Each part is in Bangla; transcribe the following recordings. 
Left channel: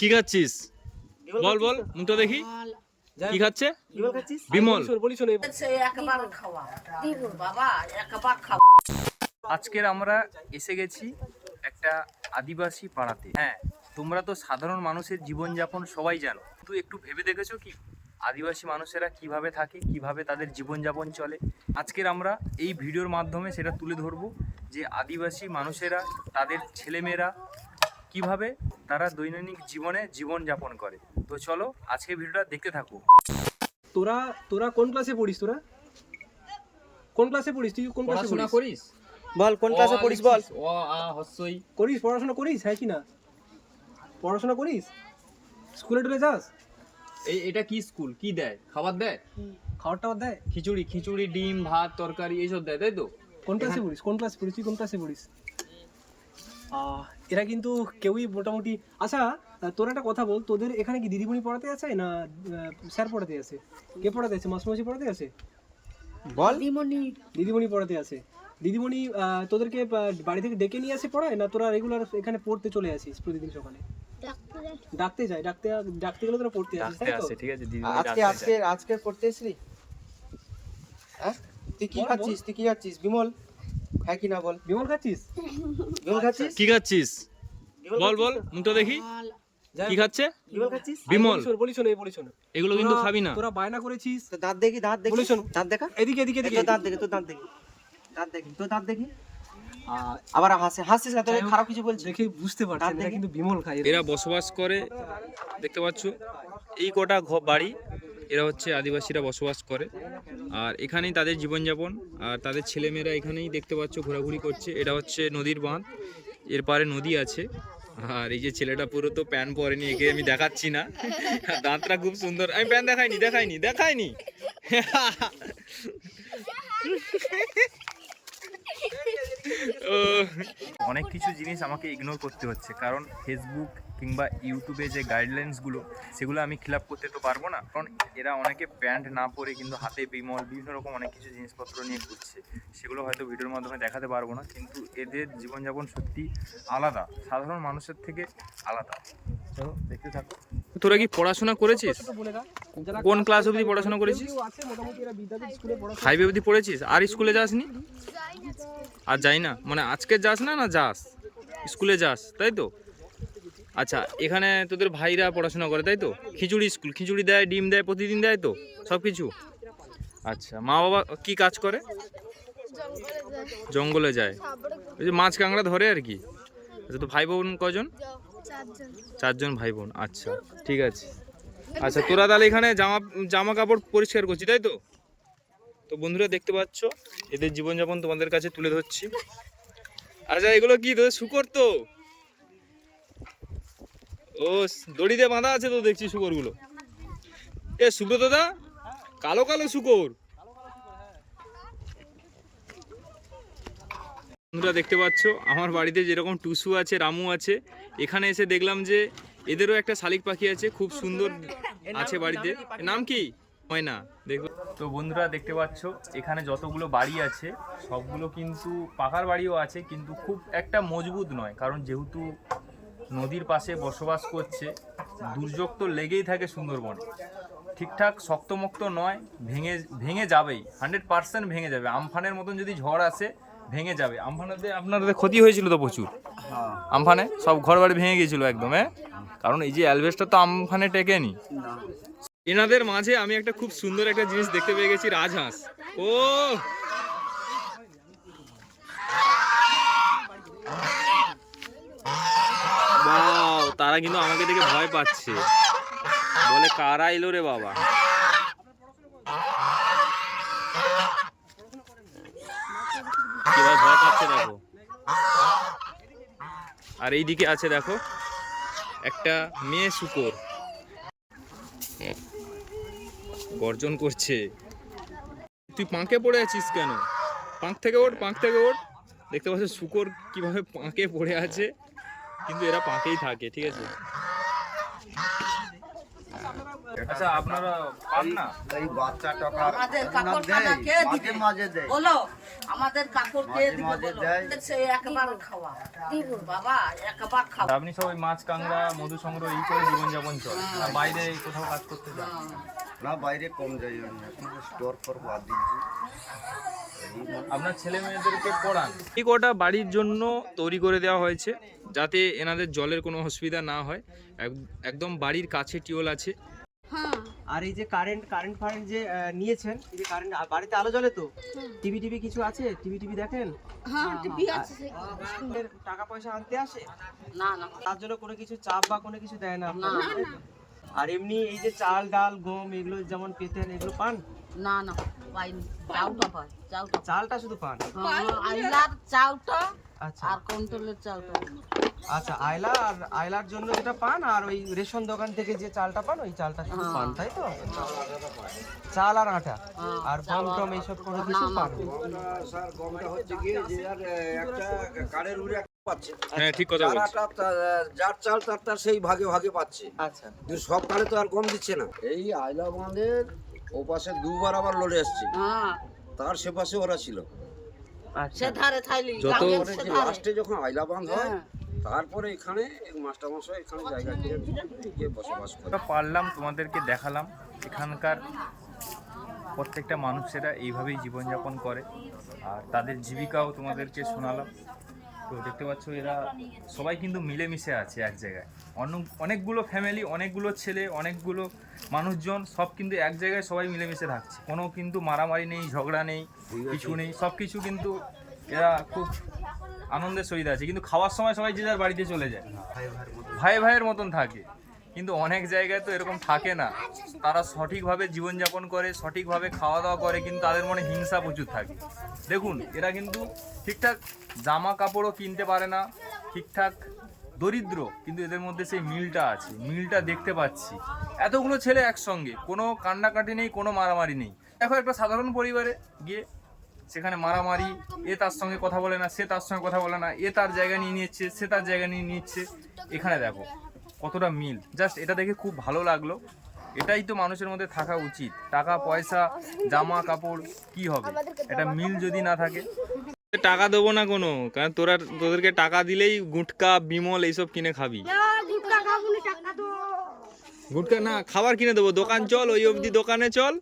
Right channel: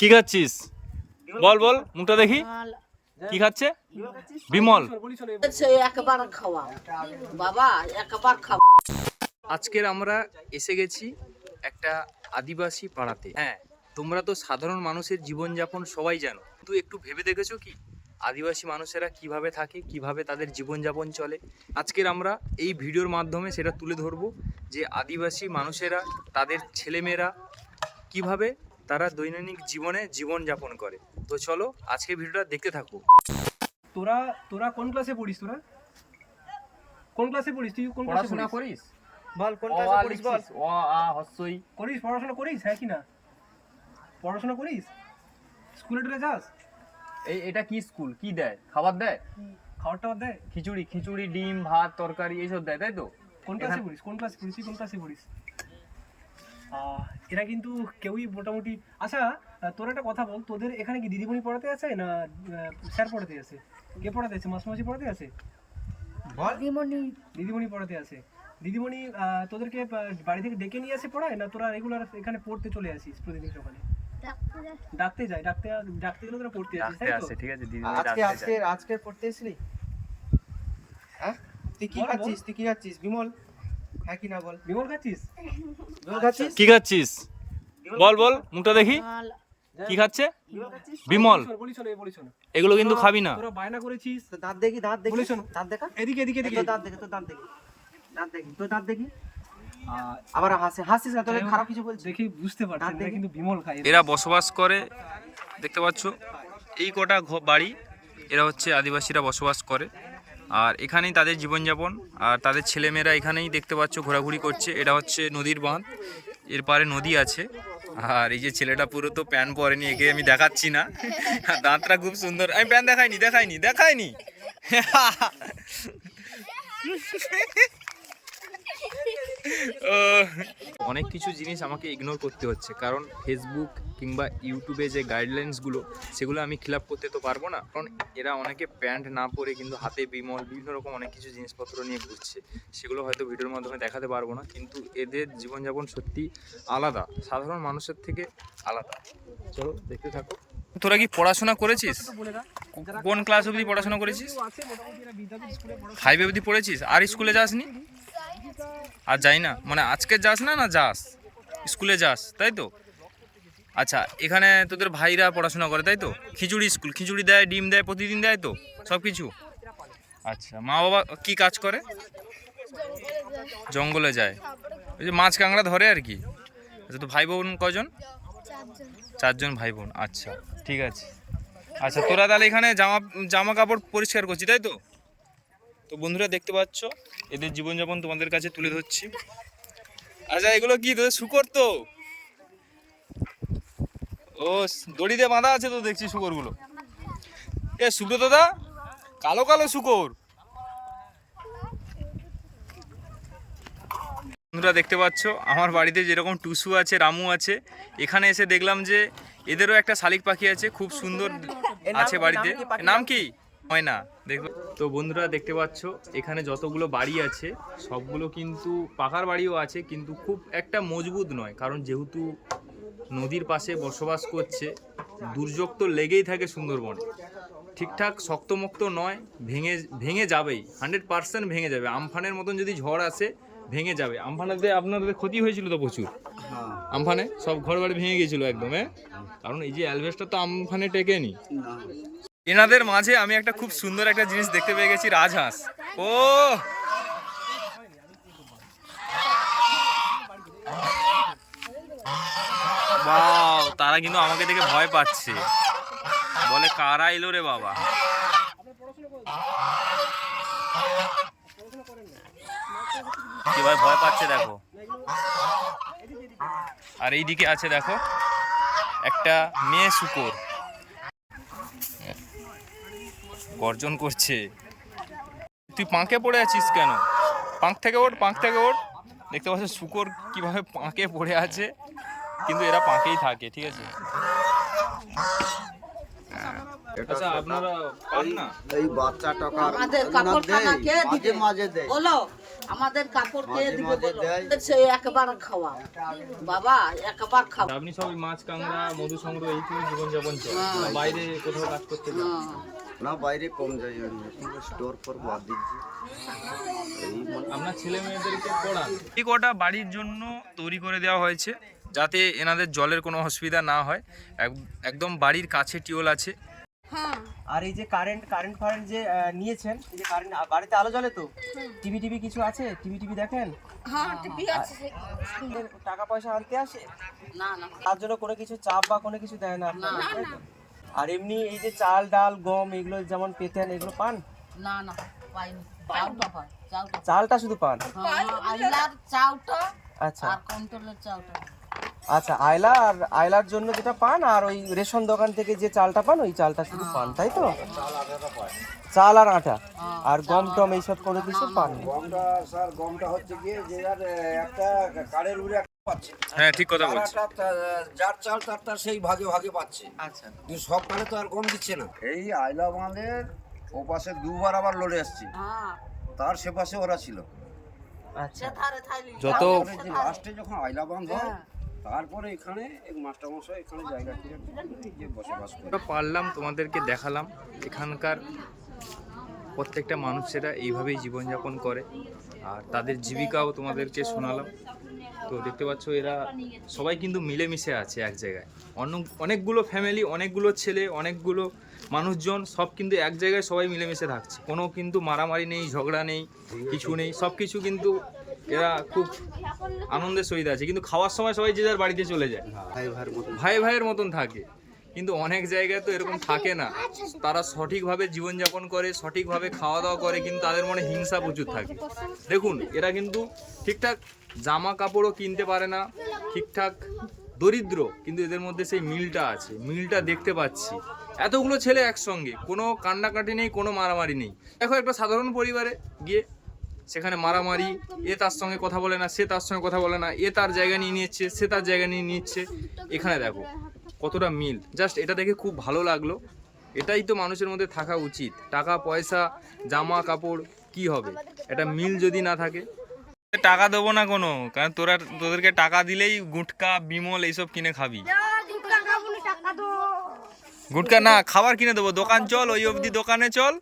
কি খাচ্ছিস? বল বল, মুখটা দেখি। কি খাচ্ছে? বিমল। আজকের আমরা এসে গেছি একটা আদিবাসী পাড়াতে। হ্যাঁ তোমরা তো সাধারণ মানুষের জীবনযাপন সবাই জানো। তুই একটু ভেবে দেখেছ কি? আদিবাসী মানুষেরা কীভাবে থাকে, কীভাবে তাদের জীবনযাপন চলে? আজকের আমরা এই ভিডিওর মাধ্যমে সেটা তুলে ধরবো যে আদিবাসী মানুষেরা, তাদের ছেলেমেয়েরা কীভাবে তারা দৈনন্দিন জীবনে জীবনযাপন করে। তো চলো আজকে ভিডিওটা দেখতে থাকো। তোরা তোরা কোন ক্লাসে পড়িস তোরা? কোন ক্লাসে পড়িস? তুই কোন ক্লাসে পড়াশোনা করিস? বল কোন ক্লাসে পড়িস বল? অ আ হস্যই। করিস পড়াশোনা করিস? হ্যাঁ কি না? পড়াশোনা করিস? স্কুলে টুলে যাস? এই এটা কি স্কুল? কি দেয়? খাবার দেয়? খাবার টাবার দেয়? খিচুড়ি খিচুড়ি ডিম ভাত তরকারি এইসব দেয় তাই তো? কোন ক্লাসে পড়িস? কোন ক্লাসে পড়িস? তুই কোন ক্লাসে পড়িস? এরা কিন্তু কেউই মোটামুটি আচ্ছা তোর একটা কথা বল তোদের এখানে কি দিদিমণি পড়াতে আছে না স্যার পড়াতে আছে? কে পড়াতে আছে? মাসমাসি পড়াতে আছে? বল। দিদিমণি। দিদিমণি পড়াতে আছে। দিদিমণি আহ, তোদেরকে বাড়ি থেকে ডেকে নিয়ে আসে পড়ায় না তোরা রেগুলার এখানে পড়তে চলে আসিস প্রতিদিন সকালে? ডাকতে যায় ডাকতে ডাকতে গেলে তোরা পড়তে আসিস ডাকতে তাই তো? ঠিক আছে দিদিমণি আজকে ডাকতে আজকে আজকে পড়তে এসলি? হ্যাঁ? তুই কি। খাচ্ছিস? তুই কি খাচ্ছিস? বিমল? হ্যাঁ না বল? বিমল খাচ্ছিস? বিমল খাচ্ছিস? কি খাচ্ছিস? বল বল মুখটা দেখি। কি খাচ্ছে? বিমল এগুলো কিন্তু খাবি না। তোরা বায়না করেছিস। দাঁত দেখি দাঁত দেখি। শোন। দাঁত দেখা? এদিকে এদিকে এদিকে। দাঁত দেখি তোর দাঁত দেখি। দাঁত দেখি তোর দাঁত দেখি? আবার হাসে হাসছিস না তোকে খারাপ কিছু বলছিস দেখে বুঝতে এটা কিন্তু বিমল খায়। এরা বসবাস করে দেখতে পাচ্ছ? এই কটা ঘ- বাড়ি এরা হচ্ছে আদিবাসীরা বসবাস করে। আর এখানেই তাদের জীবনযাপন। আর তাদের ছেলেমেয়েরা এখানেই দেখতে পাচ্ছ ঘোরাঘুরি করছে। এটা হচ্ছে নদীর বাঁধ। এর পারে নদী আছে। আর এই যে ছেলেটা পুরো তো প্যান পরেনি, একে আমি দেখাচ্ছি না। দাঁতটা খুব সুন্দর। আমি প্যান দেখাইনি দেখাইনি দেখাইনি। অনেক কিছু জিনিস আমাকে ইগনোর করতে হচ্ছে। কারণ ফেসবুক কিংবা ইউটিউবে যে গাইডলাইন্সগুলো সেগুলো আমি খিলাপ করতে তো পারব না। কারণ এরা অনেকে প্যান্ট না পরে কিন্তু হাতে বিমল, বিভিন্ন রকম অনেক কিছু জিনিসপত্র নিয়ে ঘুরছে। সেগুলো হয়তো ভিডিওর মাধ্যমে দেখাতে পারব না, কিন্তু এদের জীবনযাপন সত্যি আলাদা। সাধারণ মানুষের থেকে আলাদা। চলো দেখতে থাকো। তোরা কি পড়াশোনা করেছিস? কোন ক্লাস অবধি পড়াশোনা করেছিস? ফাইভ অবধি পড়েছিস? আর স্কুলে যাসনি আর যাই না? মানে আজকে যাস না না যাস? স্কুলে যাস তাই তো? আচ্ছা এখানে তোদের ভাইরা পড়াশোনা করে তাই তো? খিচুড়ি স্কুল খিচুড়ি দেয় ডিম দেয় প্রতিদিন দেয় তো? সব কিছু? আচ্ছা মা বাবা কি কাজ করে? জঙ্গলে যায়। ওই যে মাছ কাঁকড়া ধরে আর কি? আচ্ছা তো ভাই বোন কজন? চারজন। ভাই বোন আচ্ছা ঠিক আছে। আচ্ছা তোরা তাহলে এখানে জামা জামা কাপড় পরিষ্কার করছি তাই তো? তো বন্ধুরা দেখতে পাচ্ছ, এদের জীবনযাপন তোমাদের কাছে তুলে ধরছি। আচ্ছা এগুলো কি, তোদের শুকর তো? ও দড়িতে বাঁধা আছে তো দেখছি শুকরগুলো। এ, সুব্রত দা, কালো কালো শুকর। বন্ধুরা দেখতে পাচ্ছ আমার বাড়িতে যেরকম টুসু আছে রামু আছে এখানে এসে দেখলাম যে এদেরও একটা শালিক পাখি আছে খুব সুন্দর আছে বাড়িতে। নাম কি হয় না দেখো তো বন্ধুরা দেখতে পাচ্ছ এখানে যতগুলো বাড়ি আছে সবগুলো কিন্তু পাকার বাড়িও আছে কিন্তু খুব একটা মজবুত নয় কারণ যেহেতু নদীর পাশে বসবাস করছে দুর্যোগ তো লেগেই থাকে সুন্দরবনে। ঠিকঠাক শক্তমক্ত নয় ভেঙে ভেঙে যাবেই হান্ড্রেড পার্সেন্ট ভেঙে যাবে। আমফানের মতন যদি ঝড় আসে ভেঙে যাবে। আমফানেতে আপনাদের ক্ষতি হয়েছিল তো প্রচুর? আমফানে? সব ঘর বাড়ি ভেঙে গিয়েছিল একদম হ্যাঁ? কারণ এই যে অ্যালভেস্টার তো আমফানে টেকেনি। এনাদের মাঝে আমি একটা খুব সুন্দর একটা জিনিস দেখতে পেয়ে গেছি রাজহাঁস। ও! তারা কিন্তু আমাকে দেখে ভয় পাচ্ছে। বলে কারা এলো রে বাবা? কীভাবে ভয় পাচ্ছে, দেখো। আর এইদিকে আছে, দেখো, একটা মেয়ে শুকর। গর্জন করছে। তুই পাঁকে পড়ে আছিস কেন? পাঁক থেকে ওঠ, পাঁক থেকে ওঠ। দেখতে পাচ্ছ শুকর কীভাবে পাঁকে পড়ে আছে। কিন্তু এরা পাঁকেই থাকে, ঠিক আছে? আচ্ছা আপনারা পান না? এই বাচ্চা টাকার আমাদের না দেয় কে মাঝে দিবে? মাঝে দেয়। বলো আমাদের কাপড় কে দিবে বলো? সে একবার খাওয়া। বাবা একবার খাওয়া আপনি সব ওই মাছ কাঁকড়া মধু সংগ্রহ এই করে জীবনযাপন চলে আর বাইরে কোথাও কাজ করতে যান? না বাইরে কম যাই আমি। এখন স্টোর ফর বাদ দিচ্ছি। মানে আপনার ছেলে মেয়েদেরকে পড়ান। এই কটা বাড়ির জন্য তৈরি করে দেওয়া হয়েছে যাতে এনাদের জলের কোনো অসুবিধা না হয়। এক- একদম বাড়ির কাছে টিউল আছে। আর এই যে কারেন্ট কারেন্ট ফারেন্ট যে নিয়েছেন এই যে কারেন্ট বাড়িতে আলো জ্বলে তো? টিভি টিভি কিছু আছে? টিভি টিভি দেখেন? হ্যাঁ টিভি আছে টাকা পয়সা আনতে আসে? না না। তার জন্য কোনো কিছু চাপ বা কোনো কিছু দেয় না আপনারা তাই তো? আর এমনি এই যে চাল ডাল গম এগুলো যেমন পেতেন এগুলো পান? না না পাইনি। চাউটা চালটা শুধু পান? হ্যাঁ, চাউটা আচ্ছা। আর কন্ট্রোলের চাউটা আচ্ছা আয়লা আর আয়লার জন্য যেটা পান আর ওই রেশন দোকান থেকে যে চালটা পান ওই চালটা শুধু পান তাই তো? চাল আর আটা? আর গম টম এইসব কোনো কিছু পান? স্যার গমটা হচ্ছে গিয়ে যে যার একটা কার্ডের উপরে একটা পাচ্ছে। হ্যাঁ ঠিক কথা বলছি যার চাল তার তার সেই ভাগে ভাগে পাচ্ছে। আচ্ছা। কিন্তু সব কালে তো আর কম দিচ্ছে না। এই আয়লা বাঁধের ও পাশে দুবার আবার লড়ে আসছে। হ্যাঁ। তার সে পাশে ওরা ছিল আচ্ছা সে ধারে থাইলি যত লাস্টে যখন আইলা বাঁধ হয়। তারপরে এখানে মাস্টারমশাই এখানে জায়গা কিনে গিয়ে বসবাস করে। পারলাম তোমাদেরকে দেখালাম। এখানকার প্রত্যেকটা মানুষেরা এইভাবেই জীবনযাপন করে। আর তাদের জীবিকাও তোমাদেরকে শোনালাম। তো দেখতে পাচ্ছ এরা সবাই কিন্তু মিলেমিশে আছে এক জায়গায়। অনেক অনেকগুলো ফ্যামিলি অনেকগুলো ছেলে অনেকগুলো মানুষজন সব কিন্তু এক জায়গায় সবাই মিলেমিশে থাকছে। কোনো কিন্তু মারামারি নেই ঝগড়া নেই কিছু নেই সব কিছু কিন্তু এরা খুব আনন্দের সহিত আছে। কিন্তু খাওয়ার সময় সবাই যে যার বাড়িতে চলে যায়। ভাই ভাইয়ের মতন থাকে। কিন্তু অনেক জায়গায় তো এরকম থাকে না। তারা সঠিকভাবে জীবনযাপন করে, সঠিকভাবে খাওয়া দাওয়া করে, কিন্তু তাদের মনে হিংসা প্রচুর থাকে। দেখুন, এরা কিন্তু ঠিকঠাক জামা কাপড়ও কিনতে পারে না, ঠিকঠাক দরিদ্র, কিন্তু এদের মধ্যে সেই মিলটা আছে, মিলটা দেখতে পাচ্ছি। এতগুলো ছেলে একসঙ্গে, কোনো কান্নাকাটি নেই, কোনো মারামারি নেই। দেখো একটা সাধারণ পরিবারে গিয়ে সেখানে মারামারি, এ তার সঙ্গে কথা বলে না, সে তার সঙ্গে কথা বলে না, এ তার জায়গা নিয়ে নিচ্ছে, সে তার জায়গা নিয়ে নিচ্ছে। এখানে দেখো কতটা মিল? জাস্ট এটা দেখে খুব ভালো লাগল। এটাই তো মানুষের মধ্যে থাকা উচিত। টাকা পয়সা জামা কাপড় কি হবে? এটা মিল যদি না থাকে। টাকা দেবো না কোনো কারণ তোরা তোদেরকে টাকা দিলেই গুটকা বিমল এইসব কিনে খাবি। গুটকা না খাবার কিনে দেবো। দোকান চল ওই অবধি দোকানে চল।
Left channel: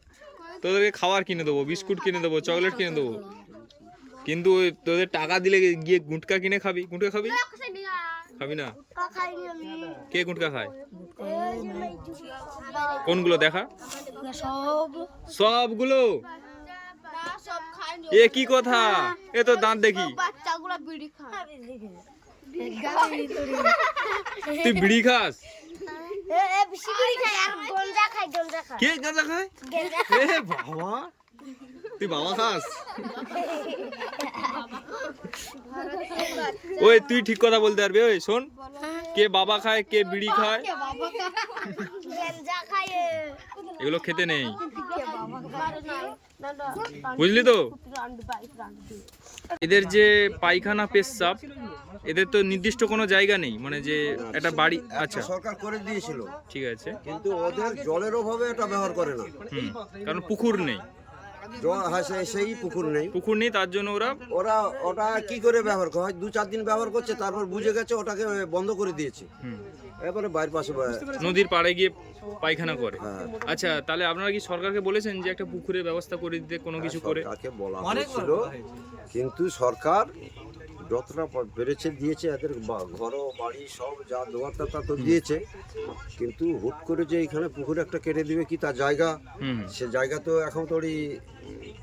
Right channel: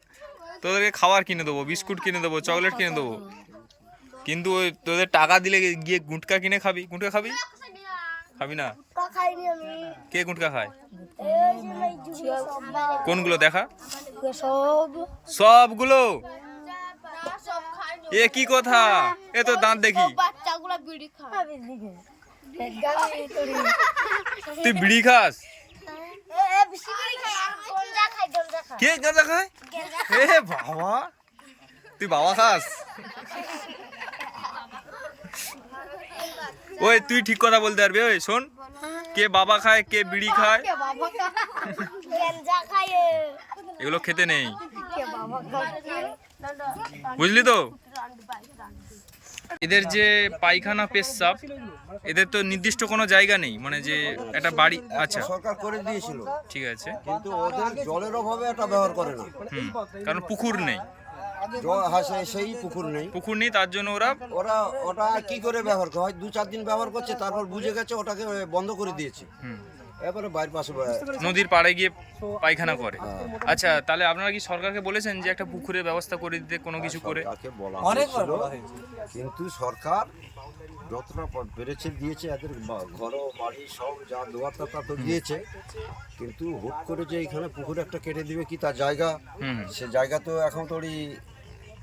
তোদেরকে খাবার কিনে দেবো বিস্কুট কিনে দেবো চকলেট কিনে দেবো। কিন্তু ওই তোদের টাকা দিলে গিয়ে গুটকা কিনে খাবি। গুটকা খাবি? খাবি না? কে গুটকা খায়? কোনগুলো দেখা? সবগুলো? এ কি কথা? এ তো দাঁত দেখি। তুই বিড়ি খাস? কে গাঁজা খায়? এ বাবা। তুই বাবা খাস? ওই তুই ঠিক কথা বলতে পারবি ওই শোন। কে বাবা খায় কে বিড়ি খায় বাবা গঞ্জা খায় এগুলো খেতে নেই। বুঝলি তো? এদের যে পায়খানা পেশাব এদের তো নির্দিষ্ট কোনো জায়গা নেই মানে যে একটা বাড়ি আচ্ছা সরকার করে দিয়েছিল। ঠিক আছে। কিন্তু ওদের জলের অভাবে এটা ব্যবহার করে না। হুম কারণ পুকুর নেই। জল হ্যাঁ সে- সেই পুকুর নেই। পুকুর নেই তার জন্য ওরা ওরা ওটা কি করে ব্যবহার করে? হয় দু চার দিন ব্যবহার করছে তারপর বুঝে গেছে ওটাকে বন্ধ করে দিয়েছে। এবারে বাইরের পাশে নদীর পাড়ে গিয়ে পায়খানা করে। হ্যাঁ। আচ্ছা তাহলে আপনারা কি সরকারকে বলেছেন যে একটা পুকুরের ব্যবস্থা করে দিতে কোনো কিছু করে? সরকারকে বলা হয়েছিল। কিন্তু সরকার যতটা পেরেছে দিয়েছে এদের ঘর বাড়ি সব যা দেওয়ার তা তা তো দিয়েছে। কিন্তু হুট করে যে এখানে পুকুর একটা কেটে দিবে কি তার জায়গা? সে জায়গা তো এখন তোরই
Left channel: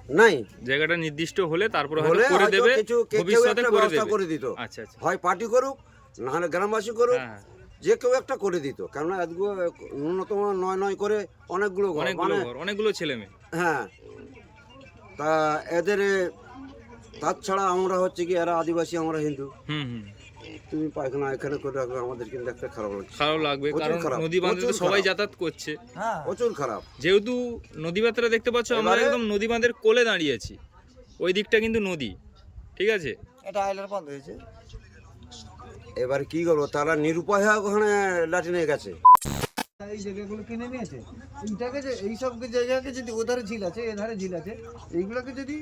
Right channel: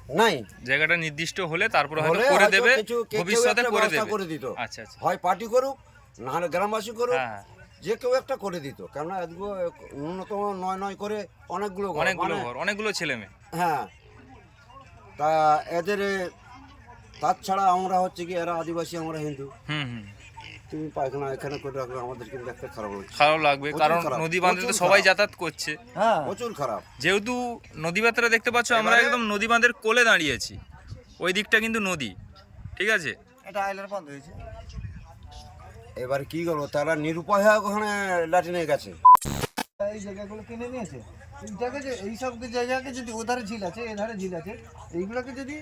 নাই। জায়গাটা নির্দিষ্ট হলে তারপরে হলে করে দেবে কিছু ভবিষ্যতে করে দেবে। করে দিত। আচ্ছা আচ্ছা। হয় পার্টি করুক না হলে গ্রামবাসী করুক হ্যাঁ হ্যাঁ। যে কেউ একটা করে দিত। কেননা এগুলো ন্যূনতম নয় নয় করে অনেকগুলো অনেকগুলো মানে- ঘর অনেকগুলো ছেলে মেয়ে। হ্যাঁ। তা এদের তাছাড়া আমরা হচ্ছে কি এরা আদিবাসী আমরা হিন্দু। হুম হুম। তুমি পায়খানা এখানে করে রাখবে আমাদের কিন্তু একটা খারাপ লাগছে খারাপ লাগবে কারণ নদী বাঁধে তো সবাই যাতায়াত করছে। প্রচুর খারাপ। যেহেতু নদী বাঁধটা দেখতে পাচ্ছ আমরা একদম নদী বাঁধের কোলে দাঁড়িয়েছি ওই দিকটা কিন্তু নদী ঠিক আছে? এটা আইলের বন্ধ হয়েছে। এবারে কি করব তারা নিরুপায় হয়ে ওখানে লাঠিনে গেছে। এই জায়গাগুলো কিনে নিয়েছে। এইটাকে যে এইসব জায়গাকে যদি ওধারে ঝিল আছে এধারে ঝিল আছে এইগুলোকে যদি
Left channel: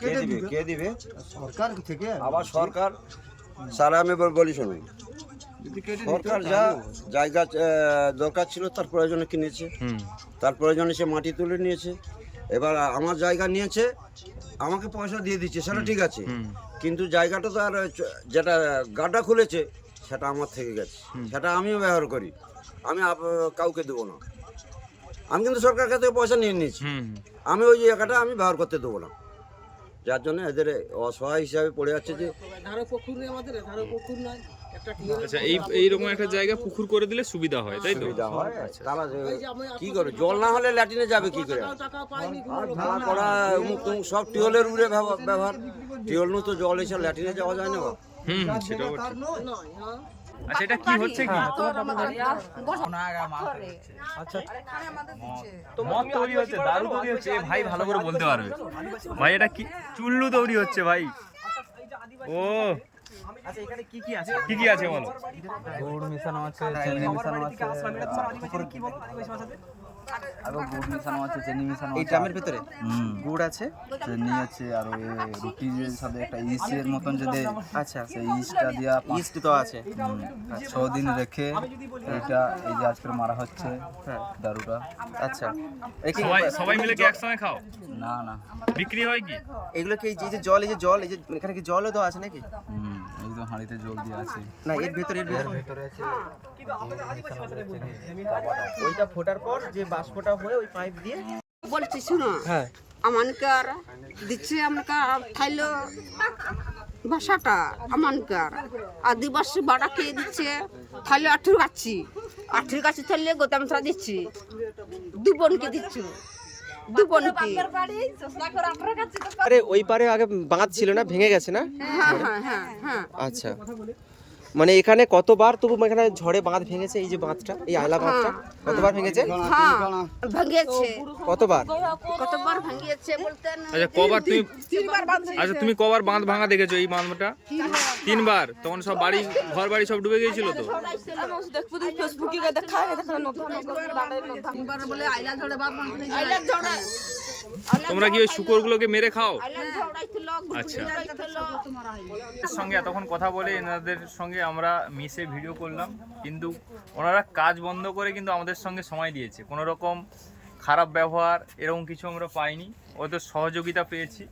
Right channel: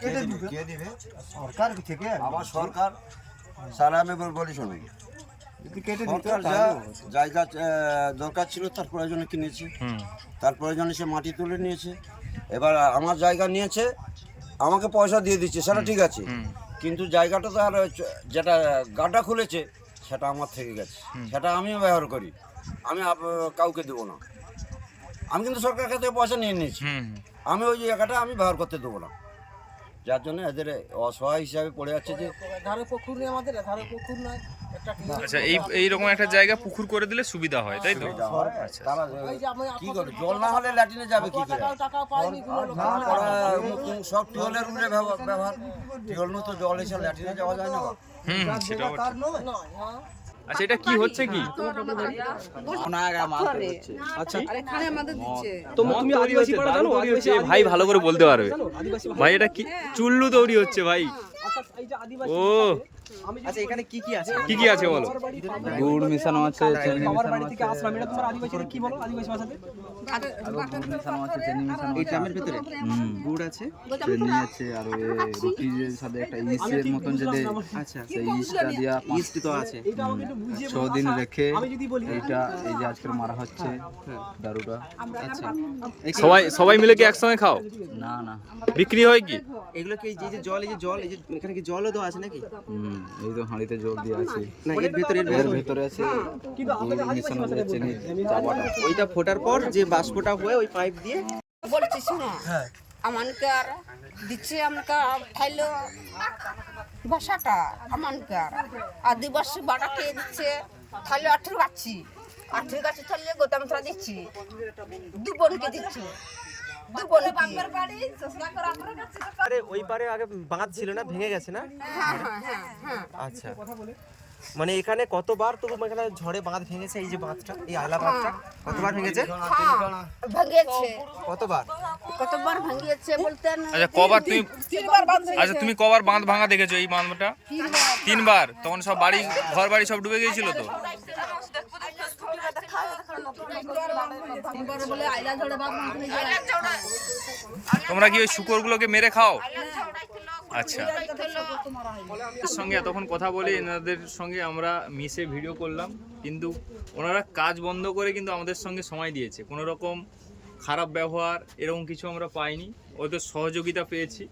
কে দিবে? কে দিবে? সরকার থেকে আবার সরকার স্যার আমি বল- বলি শুনুন। সরকার যা জায়গা দরকার ছিল তার প্রয়োজনে কিনেছে। তার প্রয়োজনে সে মাটি তুলে নিয়েছে। এবার আমার জায়গা নিয়েছে আমাকে পয়সা দিয়ে দিচ্ছে সেটা ঠিক আছে। কিন্তু জায়গাটা তো আর যেটা গাড্ডা খুলেছে সেটা আমার থেকে গেছে। সেটা আমিও ব্যবহার করি। আমি আপ- কাউকে দেবো না। আমি কিন্তু সরকার কাছ থেকে পয়সা নিয়ে নিয়েছি। আমি ওই জায়গাটা আমি ব্যবহার করতে দেবো না। যার জন্য এদের অসহায় হিসাবে পড়ে যাচ্ছে যে ধারে পুকুর নেই আমাদের ধারে পুকুর নয় আচ্ছা এই এইরকম একটা জায়গা পুকুর করে দিলে সুবিধা হয় তাই তো? হয়। আচ্ছা তারা কি করে? জল না হলে ল্যাটিনে যাবে কি করে? পড়া সব টিউবওয়েলের উড়ে ব্যব- ব্যবহার। টিউবওয়েল তো জল এসে ল্যাটিনে যাওয়া যায় না হুম হ্যাঁ। আচ্ছা এটা কি হচ্ছে কি? আচ্ছা। তো মদ। তৈরি হচ্ছে দারু তৈরি হচ্ছে। ভাই ভালো করে বলতে পারবে। ভাই এটা কি চুল্লু তৈরি হচ্ছে ভাই। ও। আচ্ছা এখানে কি কি আছে? কি কি আছে বলো? গুড় মিশানো আছে চিনি মিশানো আছে কি বলো? আদিবাসী ভাষাতে আরও গুড় মিশানো আছে চিনি মিশানো এই ড্রামের ভেতরে? হুম গুড় আছে চিনি আছে আর ওই রুটির সাথে একটা ইস্টের মতন যে দেয় আচ্ছা। সেই ইস্টটা দিয়া পাঁচ ইস্ট তো আছে। ছ দিন রেখে এইটা এই যে আজকে মারা হচ্ছে দারুটা। আচ্ছা। সবাই সবাই মিলে কি একসঙ্গে খাও? না না। বিক্রি হয় কি? এগুলো কি এই যে- যে জল এই যে জল এই যে এখানে কি জলও তো আছে নাকি? হুম এই তো হাঁড়িতে জল দিয়ে আছে। না এর ভেতরে এর ভিতরে। আছে। ওইটা ফোটার পর যে বাষ্পটা হয়ে ওই পাইপ দিয়ে বলছি শোনো। আমানকার দিচ্ছে আমানকার খাইলো ভাষাটা আমানকার। আদিবাসী বাড়া খেয়ে দিচ্ছে তাহলে আঠুর গাছি। আঠুর গাছি তাহলে গোতামসরা দিচ্ছি। দু বোনকে দিচ্ছ। আরে ওই পারে আগে বাঁধ ছিল না ভেঙে গেছে না? হ্যাঁ হ্যাঁ হ্যাঁ হ্যাঁ। আচ্ছা। মানে এখানে কতবার তবু এখানে ঝড়ে বাঁধ ভেঙেছে এই যে বাঁধটা এই আয়লা বাঁধটা? কতবার ভেঙেছে? হ্যাঁ ভেঙেছে। কতবার? কতবার ভেঙেছে বলতে আচ্ছা কবার তুমি তিনবার বাঁধ আচ্ছা তুমি কবার বাঁধ ভাঙা দেখেছ এই বাঁধটা? তিনবার। তখন সব বাড়ি ঘর বাড়ি সব ডুবে গিয়েছিল তো? বলে আইলা ঝড়ে বাঁধ ভাঙতে আইলা ঝড়ে তোমরা কি ওই শুকরগুলোকে মেরে খাও? আচ্ছা। এর সঙ্গে এতক্ষণ কথা বলে এনাদের সঙ্গে আমরা মিশে ভিডিও করলাম, কিন্তু ওনারা কাজ বন্ধ করে কিন্তু আমাদের সঙ্গে সময় দিয়েছে। কোনো রকম খারাপ ব্যবহার, এরকম কিছু আমরা পাইনি। ওদের সহযোগিতা পেয়েছি।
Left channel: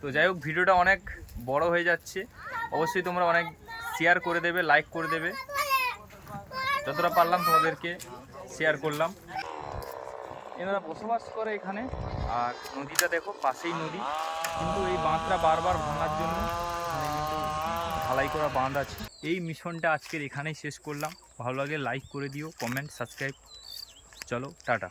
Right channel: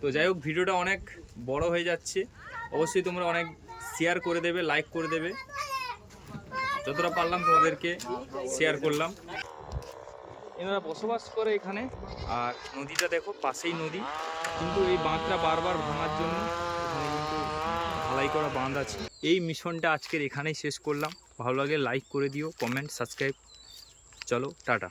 তো যাই হোক ভিডিওটা অনেক বড় হয়ে যাচ্ছে। অবশ্যই তোমরা অনেক শেয়ার করে দেবে লাইক করে দেবে। যতটা পারলাম তোমাদেরকে শেয়ার করলাম। এনারা বসবাস করে এখানে। আর নদীটা দেখো, পাশেই নদী। কিন্তু এই বাঁধটা বারবার ভাঙার জন্য ঢালাই করা বাঁধ আছে। এই মিশনটা আজকের এখানেই শেষ করলাম। ভালো লাগে লাইক করে দিও কমেন্ট সাবস্ক্রাইব চলো, টাটা।